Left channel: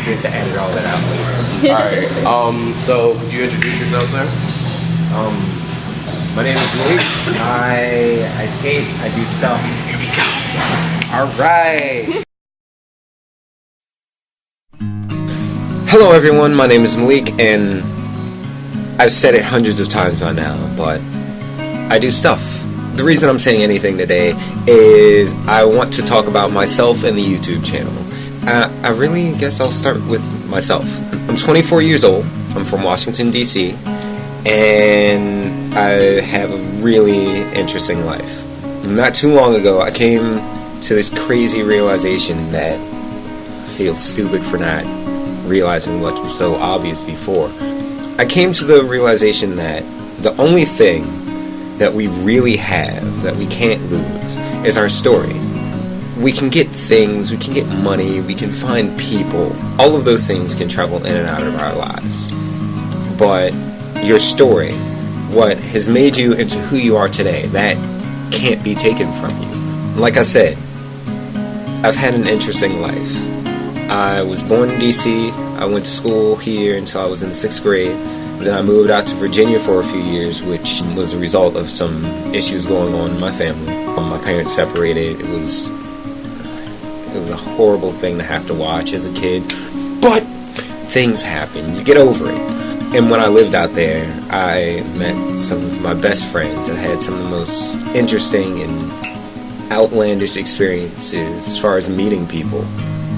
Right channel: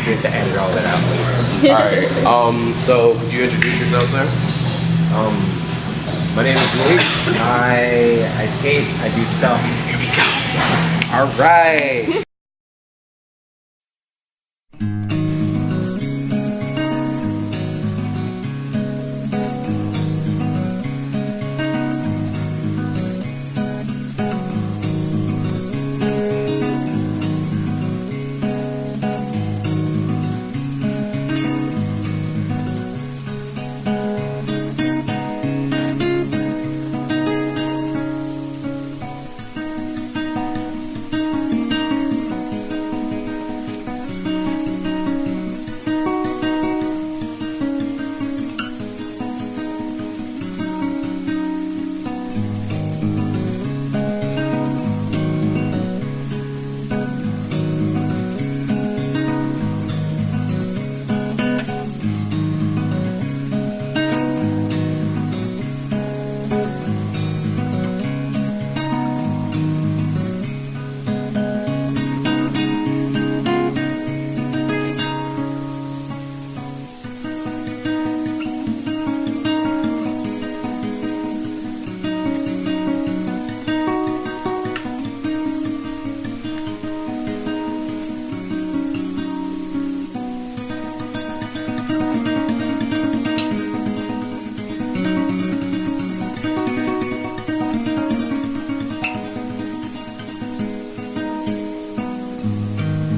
We have to edit all that out later. Alright, so could you introduce yourself, sir? My name is Malik. I skate, I do stuff. Here we go. Alright! Hello everyone, my name is Malik, and I've said it hundreds of times by now, but I do stuff. The reason I'm saying anything today is I want to talk about myself and the YouTube channel. I really guess I'll start with myself. I'm 24 years old, I'm from Washington, D.C., and I have a really interesting life. Not too long ago, I came to this crazy realization that I feel stupid for not realizing what was so obvious before. I came to the realization that the only thing that we really have that we can't lose is our story. We can get things, we can get money, we can find people. All of those things can travel in and out of our lives. But your story, what has made you into who you are today, that can't be taken from you. Like I said, I've had an interesting life. I was born in D.C., I went to school here until I was in the 6th grade. Then I moved out to Virginia for a few years, which was a result of some issues going on in my family. My parents separated. It was a horrible thing to have to watch as a kid. But things happen. You get over it. And when I lived out there, I met some of my best friends and had some of the most interesting and outlandish experiences as far as meeting people.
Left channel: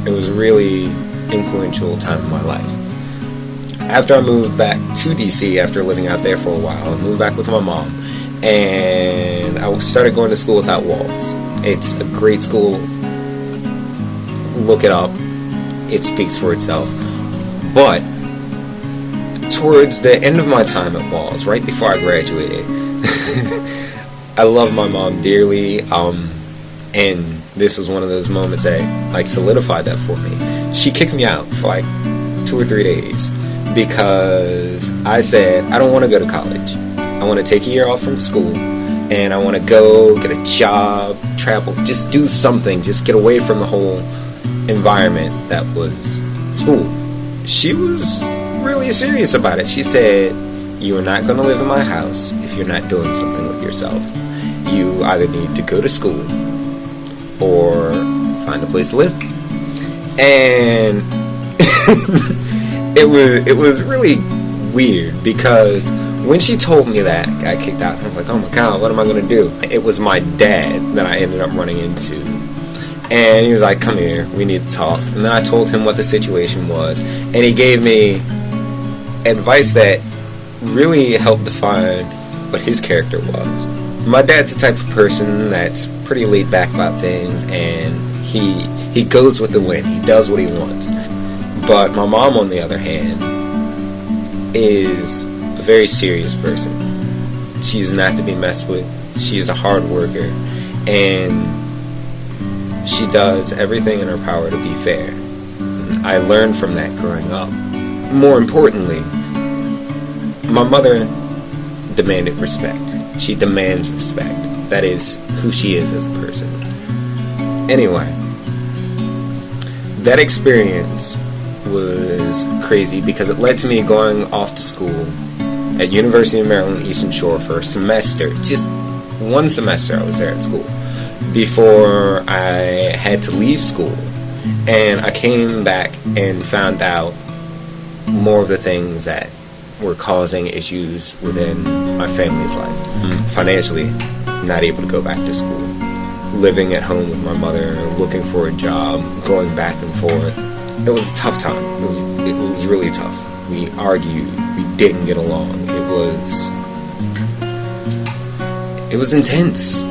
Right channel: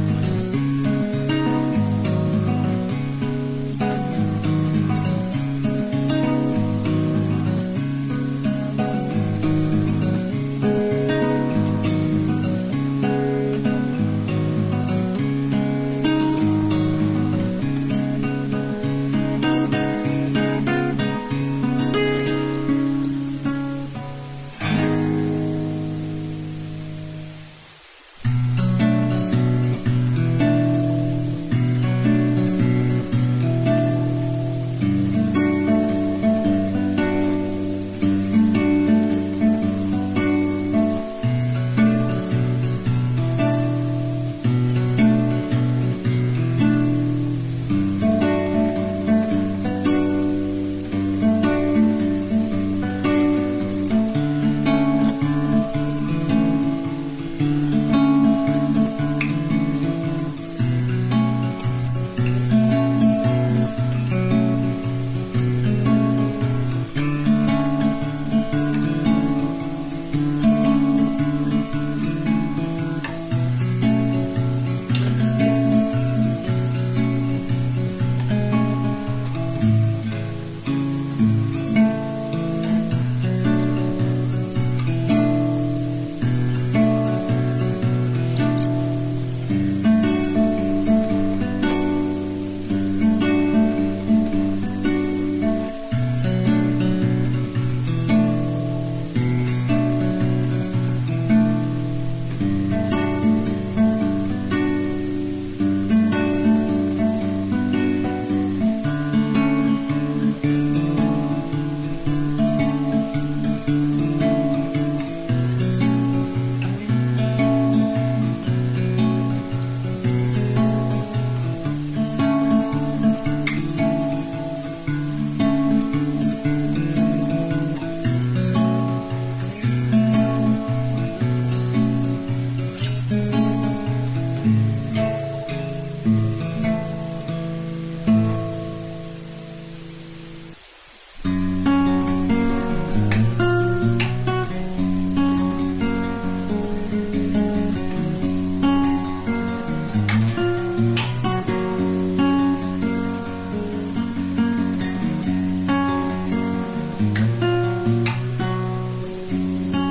It was a really influential time in my life. After I moved back to DC, after living out there for a while, I moved back with my mom, and I started going to school without walls. It's a great school. Look it up. It speaks for itself. But towards the end of my time at Walls, right before I graduated, I love my mom dearly, and this was one of those moments that solidified that for me. She kicked me out for 2 or 3 days because I said I don't want to go to college. I want to take a year off from school, and I want to go get a job, travel, just do something, just get away from the whole environment that was school. She was really serious about it. She said, you are not going to live in my house if you're not doing something with yourself. You either need to go to school or find a place to live. And it was really weird because when she told me that, I got kicked out. I was like, oh my god, what am I going to do? It was my dad that I ended up running into. And he was like, come here, we need to talk. And then I told him what the situation was. And he gave me advice that really helped define what his character was. My dad's the type of person that's pretty laid back about things, and he goes with the wind. He does what he wants. But my mom, on the other hand, is a very serious person. She's not to be messed with. She's a hard worker, and she does everything in her power to be fair. I learned from that growing up. More importantly, my mother demanded respect. She demands respect. That is who she is as a person. Anyway, that experience was crazy because it led to me going off to school at University of Maryland Eastern Shore for a semester. Just one semester I was there at school before I had to leave school. And I came back and found out more of the things that were causing issues within my family's life. Financially, not able to go back to school. Living at home with my mother, looking for a job, going back and forth. It was a tough time. It was really tough. We argued. We didn't get along. It was intense.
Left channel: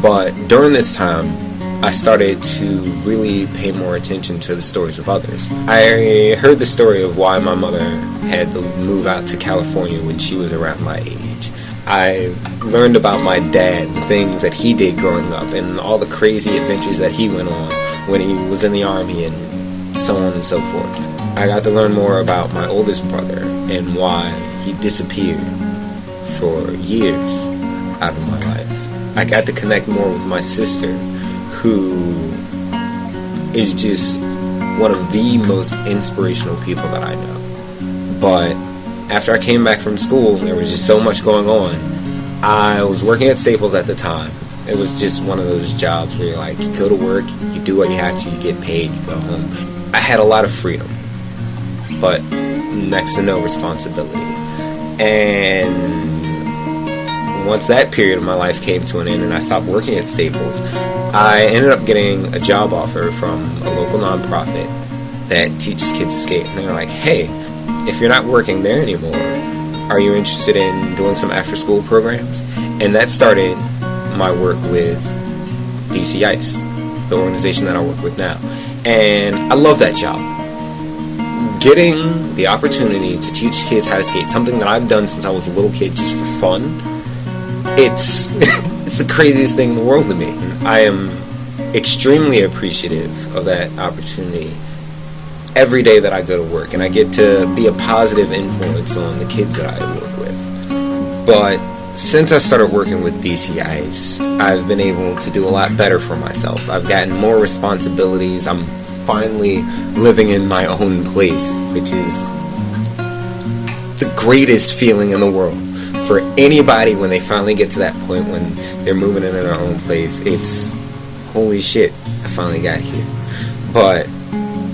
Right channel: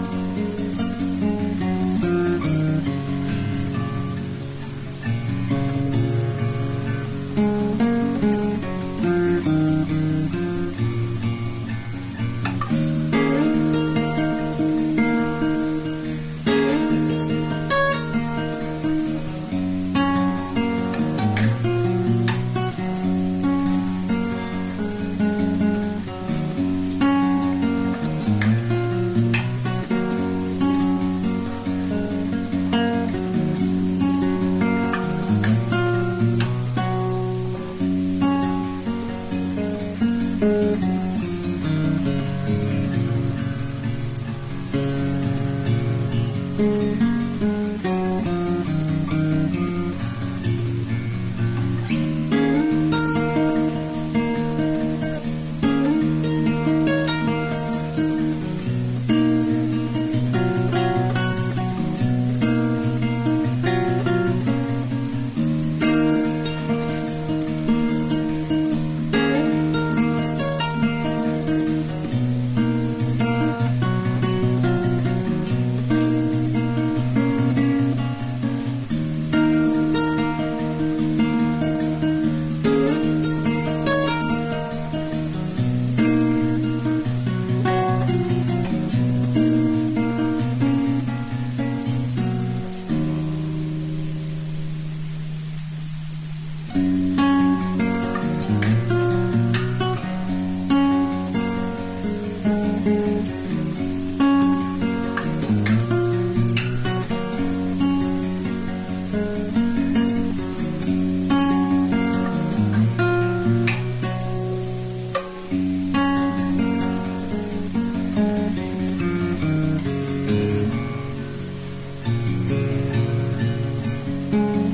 But during this time, I started to really pay more attention to the stories of others. I heard the story of why my mother had to move out to California when she was around my age. I learned about my dad, things that he did growing up, and all the crazy adventures that he went on when he was in the Army, and so on and so forth. I got to learn more about my oldest brother and why he disappeared for years out of my life. I got to connect more with my sister, who is just one of the most inspirational people that I know. But after I came back from school, there was just so much going on. I was working at Staples at the time. It was just one of those jobs where you're like, you go to work, you do what you have to, you get paid, you go home. I had a lot of freedom, but next to no responsibility. And once that period of my life came to an end and I stopped working at Staples, I ended up getting a job offer from a local nonprofit that teaches kids to skate. And they were like, hey, if you're not working there anymore, are you interested in doing some after-school programs? And that started my work with DC Ice, the organization that I work with now. And I love that job. Getting the opportunity to teach kids how to skate, something that I've done since I was a little kid just for fun, it's the craziest thing in the world to me. I am extremely appreciative of that opportunity every day that I go to work, and I get to be a positive influence on the kids that I work with. But since I started working with DC Ice, I've been able to do a lot better for myself. I've gotten more responsibilities. I'm finally living in my own place, which is the greatest feeling in the world. For anybody, when they finally get to that point when they're moving into their own place, it's, holy shit, I finally got here. But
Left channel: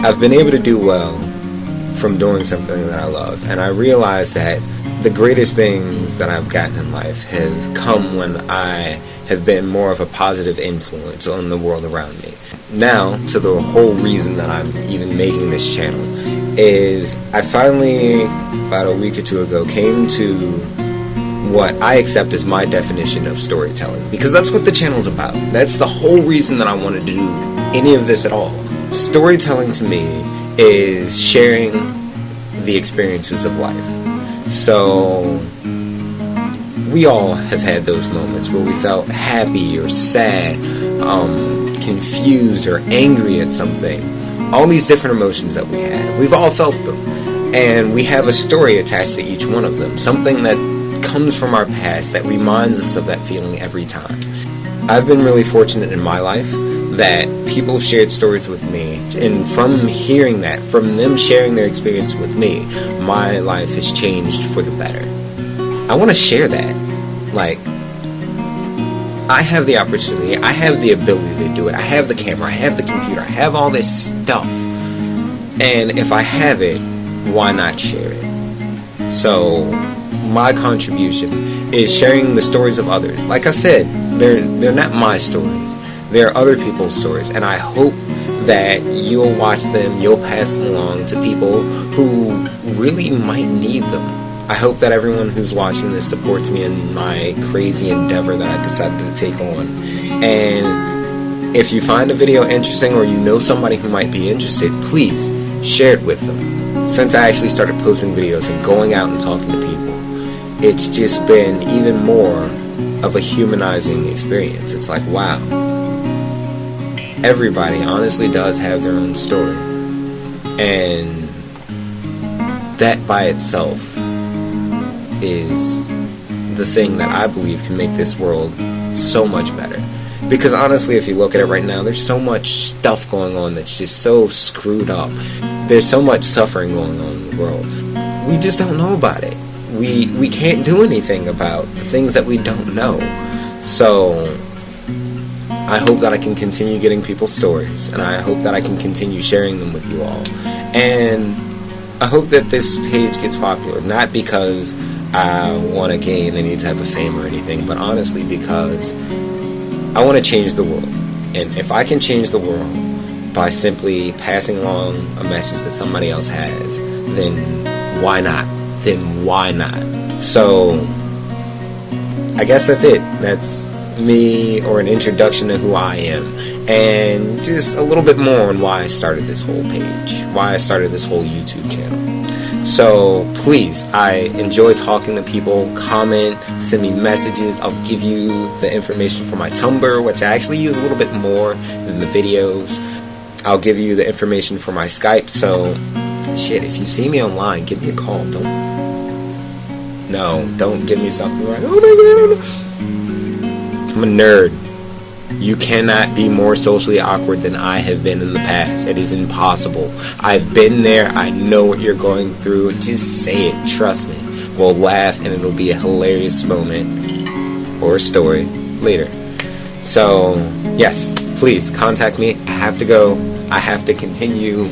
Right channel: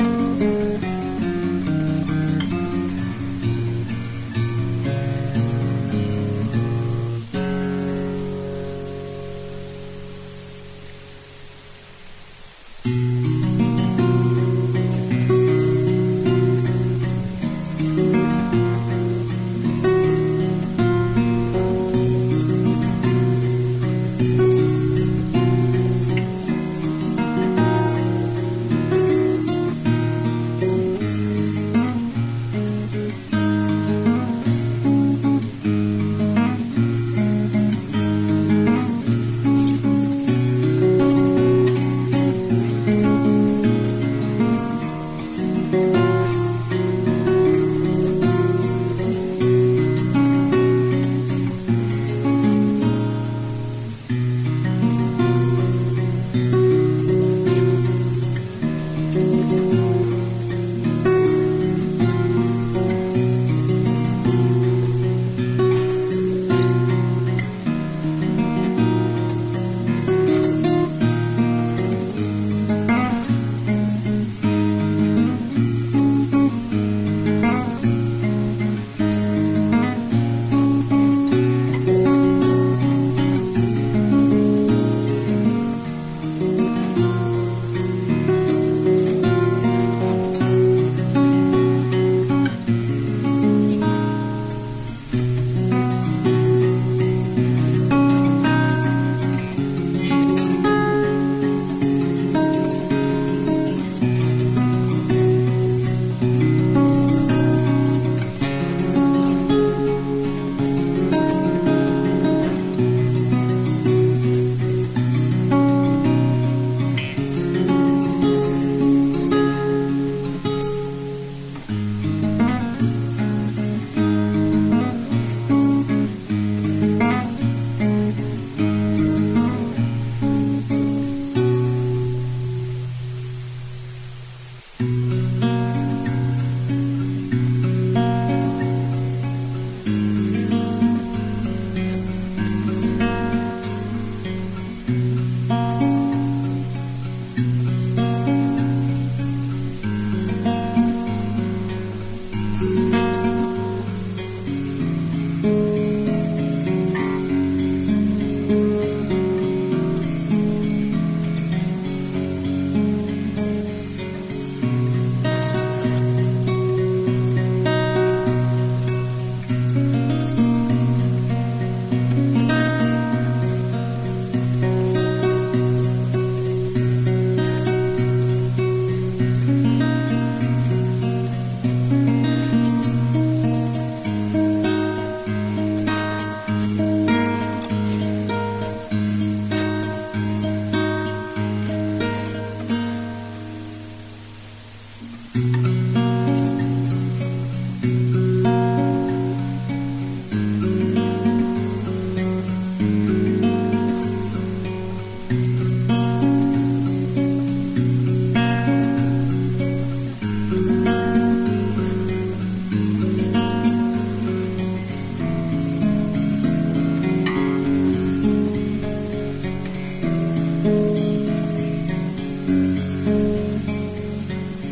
I've been able to do well from doing something that I love, and I realize that the greatest things that I've gotten in life have come when I have been more of a positive influence on the world around me. Now, to the whole reason that I'm even making this channel, is I finally, about a week or two ago, came to what I accept as my definition of storytelling, because that's what the channel's about. That's the whole reason that I wanted to do any of this at all. Storytelling to me is sharing the experiences of life. So we all have had those moments where we felt happy or sad, confused or angry at something. All these different emotions that we have, we've all felt them, and we have a story attached to each one of them, something that comes from our past that reminds us of that feeling every time. I've been really fortunate in my life that people have shared stories with me, and from hearing that, from them sharing their experience with me, my life has changed for the better. I want to share that. Like, I have the opportunity, I have the ability to do it, I have the camera, I have the computer, I have all this stuff, and if I have it, why not share it? So my contribution is sharing the stories of others. Like I said, they're not my stories, they're other people's stories, and I hope that you'll watch them, you'll pass them along to people who really might need them. I hope that everyone who's watching this supports me in my crazy endeavor that I decided to take on. And if you find a video interesting, or you know somebody who might be interested, please share it with them. Since I actually started posting videos and going out and talking to people, it's just been even more of a humanizing experience. It's like, wow, everybody honestly does have their own story, and that by itself is the thing that I believe can make this world so much better. Because honestly, if you look at it right now, there's so much stuff going on that's just so screwed up. There's so much suffering going on in the world. We just don't know about it. We can't do anything about the things that we don't know. So I hope that I can continue getting people's stories, and I hope that I can continue sharing them with you all. And I hope that this page gets popular, not because I want to gain any type of fame or anything, but honestly because I want to change the world. And if I can change the world by simply passing along a message that somebody else has, then why not? Then why not? So I guess that's it. That's me, or an introduction to who I am, and just a little bit more on why I started this whole page, why I started this whole YouTube channel. So please, I enjoy talking to people. Comment, send me messages. I'll give you the information for my Tumblr, which I actually use a little bit more than the videos. I'll give you the information for my Skype. So shit, if you see me online, give me a call. Don't give me something like, oh my god, I'm a nerd. You cannot be more socially awkward than I have been in the past. It is impossible. I've been there. I know what you're going through. Just say it. Trust me. We'll laugh and it'll be a hilarious moment or a story later. So, yes, please contact me. I have to go. I have to continue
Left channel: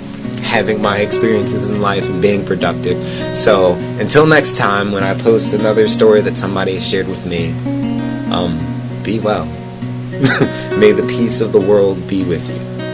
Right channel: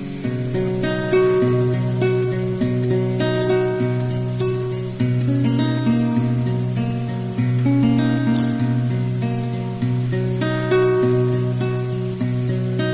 having my experiences in life and being productive. So, until next time when I post another story that somebody shared with me, be well. May the peace of the world be with you.